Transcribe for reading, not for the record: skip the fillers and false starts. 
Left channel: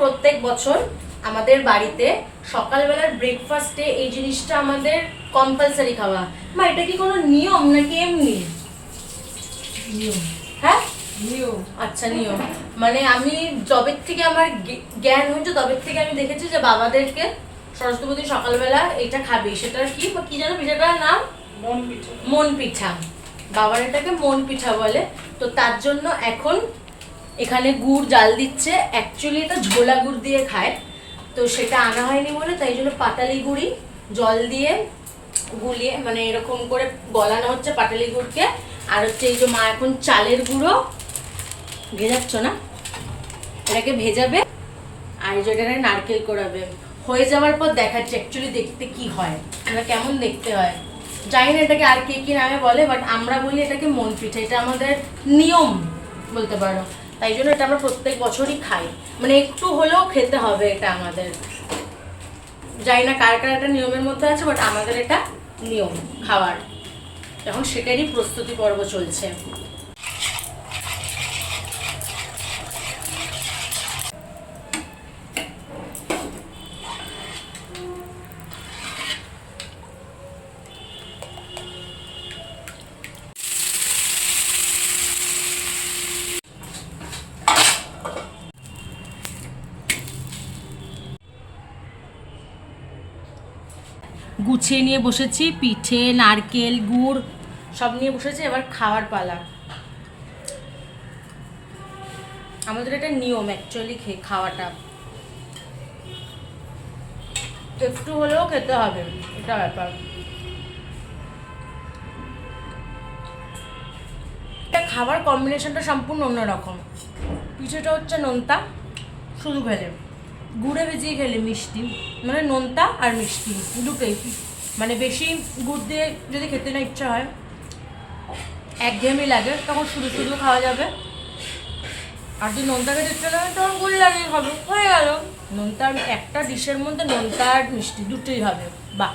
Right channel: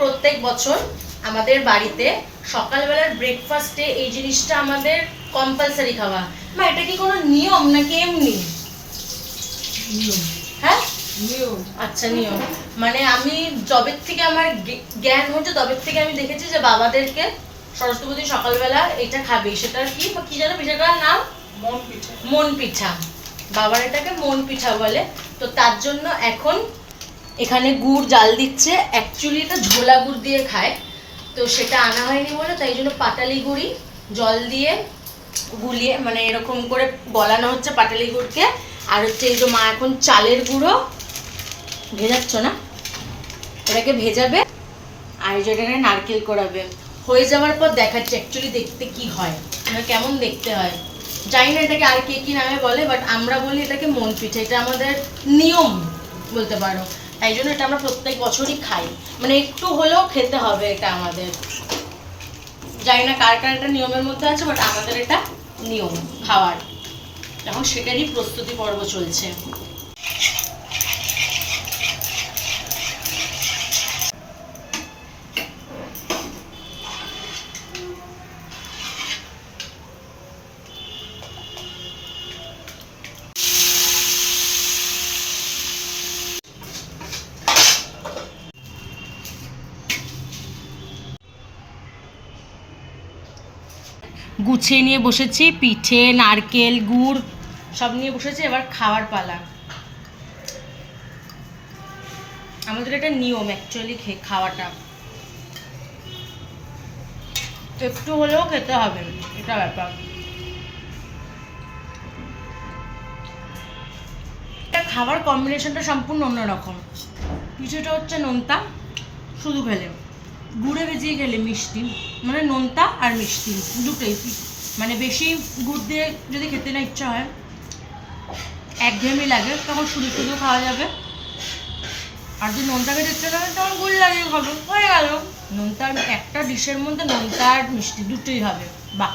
প্রত্যেক বছর আমাদের বাড়িতে সকালবেলার ব্রেকফাস্টে এই জিনিসটা আমাদের কম্পালসারি খাওয়া। মা এটা কি কোনো নিয়ম নাকি এমনি? নিয়ম। হ্যাঁ নিয়ম। আচ্ছা নিয়ম। মানে আমি যবের থেকে আমার জ্ঞান হয়েছে তবের থেকে আমি দেখেছি যে বাবাদেরকে সরস্বতী সকালবেলা এটা খাবে। সেটার কি কি জানো পিঠাটার নাম? মন পিঠা। মন পিঠা। বাবার এটাকে মন পিঠা বলে। তো তার জন্য এখন এখানে গুড় জাল দিচ্ছে। অ্যাকচুয়ালি এটা ঝোলা গুড় দিয়ে খায়, তো সেটা আনা হয়নি বলে তাই জন্য পাটালি গুড়ি জল দিয়ে গুলিয়ে মানে এরকম করে গলানো হচ্ছে পাটালি গুড়কে। আর হচ্ছে এই যে মা এখন চালের গুঁড়ো ভেজাচ্ছ না, এটাকে ভেজাবে। আর এই যে এটাকে নারকেল করাবে। হয়ে যাওয়ার পর দেখাচ্ছি অ্যাকচুয়ালি দেখতে কি হয়, মানে কেমন দেখতে হয় জানি না। এটাকে আর কে কি নামে বলে, বাট আমরা বলি এটাকে মন পিঠা। এটা আমাদের নিয়ম বলতে পারো, তাই জন্য এটা আমরা প্রত্যেক বছরই খাই। মানে একটু হলেও খেতে হবে এটা আমাদের। জানি না কার কার এটা নিয়মের মধ্যে আছে, বাট আমাদের এটা নিয়ম খাওয়ার। এখন সেটারই প্রস্তুতি পর্ব চলছে। গুছিয়ে নিয়ে বসেছি, পিঠে নারকেল গুড় সব নিয়ে বসেছি। এবার খাওয়ার পালা। আমাদের এটা নিয়ম অ্যাকচুয়ালি খাওয়াটা একটু হলেও খেতে হবে, এটা ব্যাপার। এটা খাবার কম্বিনেশনটা সম্পূর্ণ অন্যরকম। পিঠেটা হচ্ছে নোনতা শুধু খেলে, গুড়ে ভেজিয়ে খেলে মিষ্টি, মানে নোনতা আর মিষ্টি দুটোই। মানে বেশি গুড় দিয়ে যদি খেতে না ইচ্ছা হয়, একঘেয়েমি লাগে, তখন শুধু শুধু খাওয়া যাবে। আর যদি নোনতা খেতে ইচ্ছা করে তখন গুড় লাগিয়ে খাবো, হয়ে গেল। নোনতা একটা ডিশের মধ্যে নোনতা আর মিষ্টি দুটোই হবে, বাহ।